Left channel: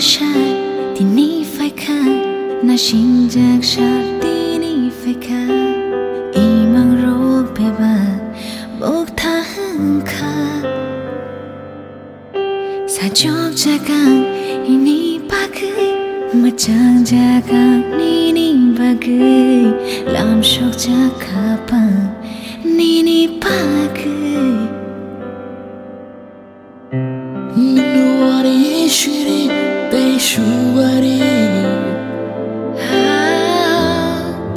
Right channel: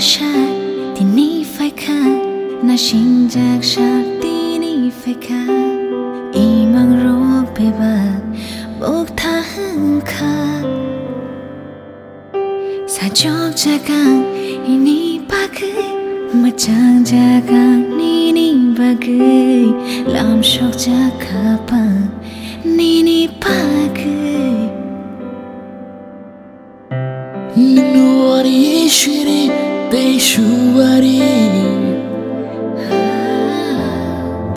shot tini phải khá na sinh jak shot tini phải khá imang rok beba bok thang kha sa jok jakang ini pakai macang jakang nini bagai lam shok jakapang nini pakai Nuari shiri te shuari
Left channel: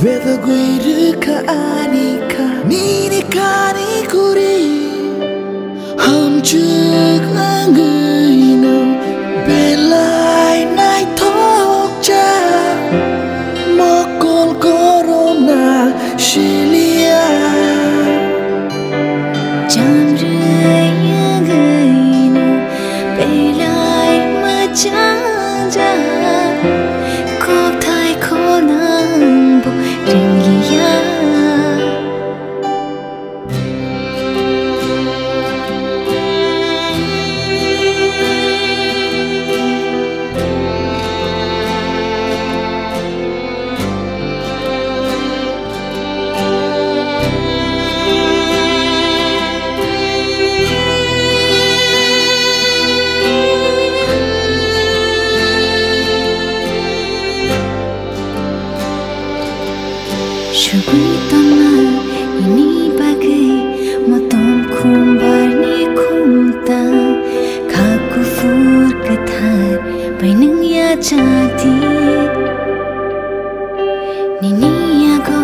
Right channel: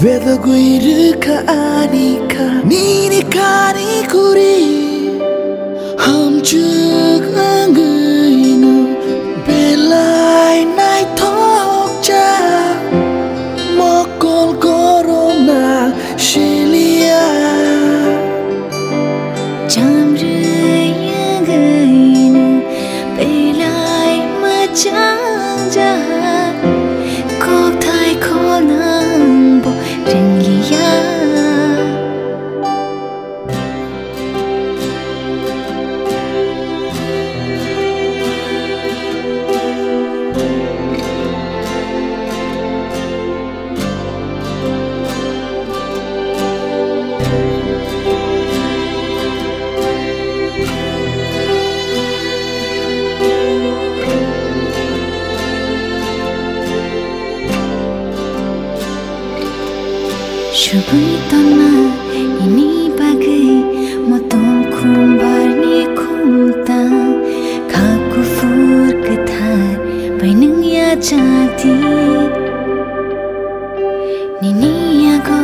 Beda guiru ka anika Nini kani kuri Ham chuk angainu Belai nai thok cha Mokol korom na shilia Jam raya gainu Belai macang jahat Kok thai ko nang bo ring liya Shugui ton ma ini bagai motom kumbar ni kumta kaku fur ketar baineng ya jadi nini aku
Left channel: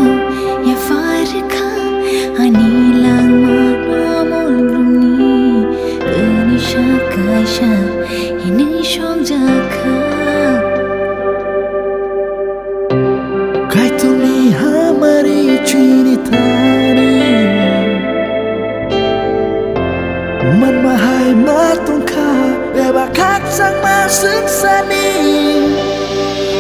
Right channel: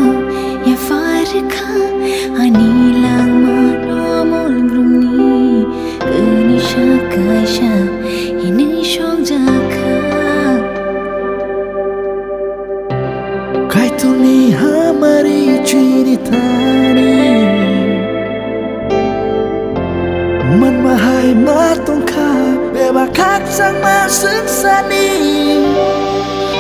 ya farka ani lang ma nomol brumni keni shakai sha ini shok jaka Kai tuni hamari chini thani Man mahai matong kha Beba khak sang ma sương sani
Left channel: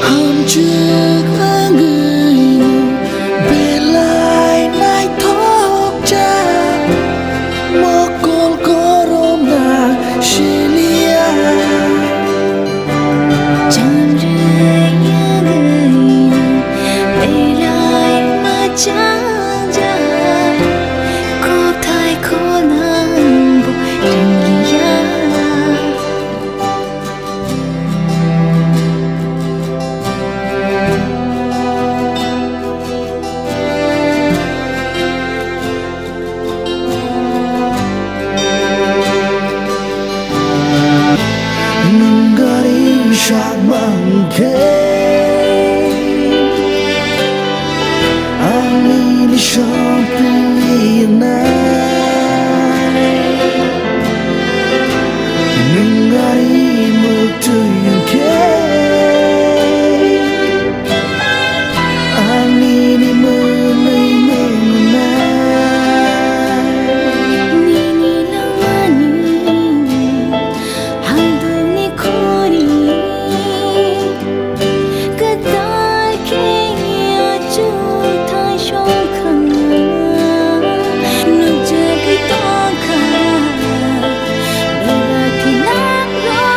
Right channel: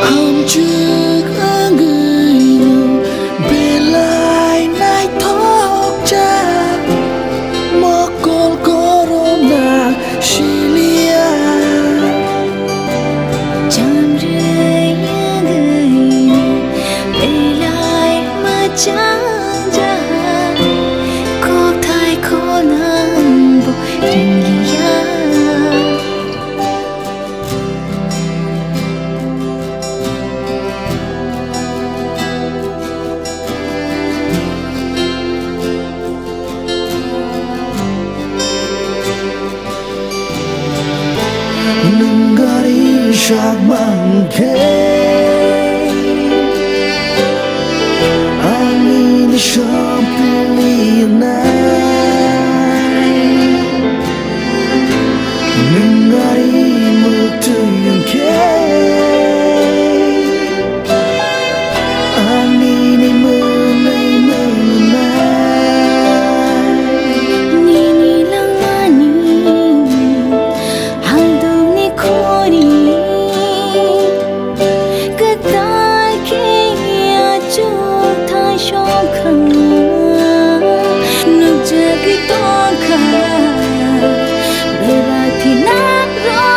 Ham chuk angainu Belai nai thok cha Mokol korom na shilia Jam raya gainu Belai macang jahat Kok thai ko nang bo ring liya Nunggari syak mangke Angin shampili nai Nunggari mutu yang ke Angin menai mengenai Nini lang mani Haldung ni kori Kadal ke achuk thai shokha Nuk jagi tokha Beba thina ro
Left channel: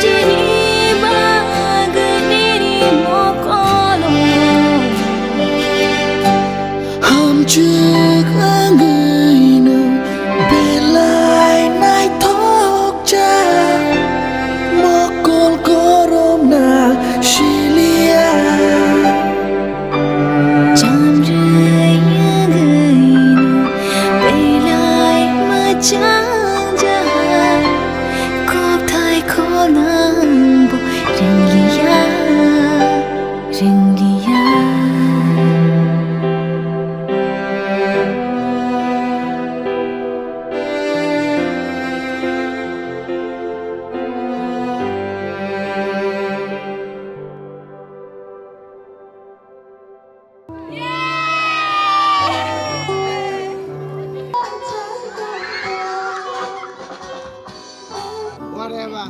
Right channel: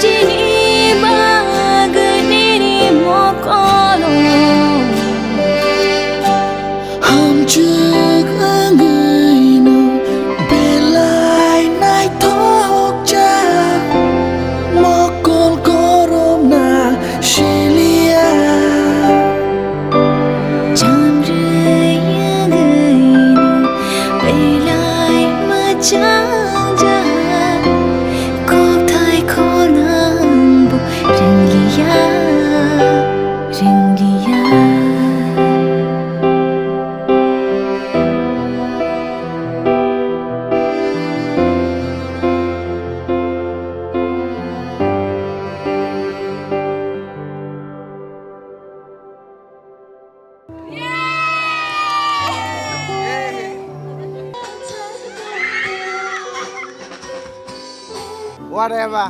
Jini bag nini mokolo Ham chuk angainu Belai nai thok cha Mokol korom na shilia Jam raya gainu Belai macang jahat Kok thai ko nang bo ring liya Ring liya Whatever.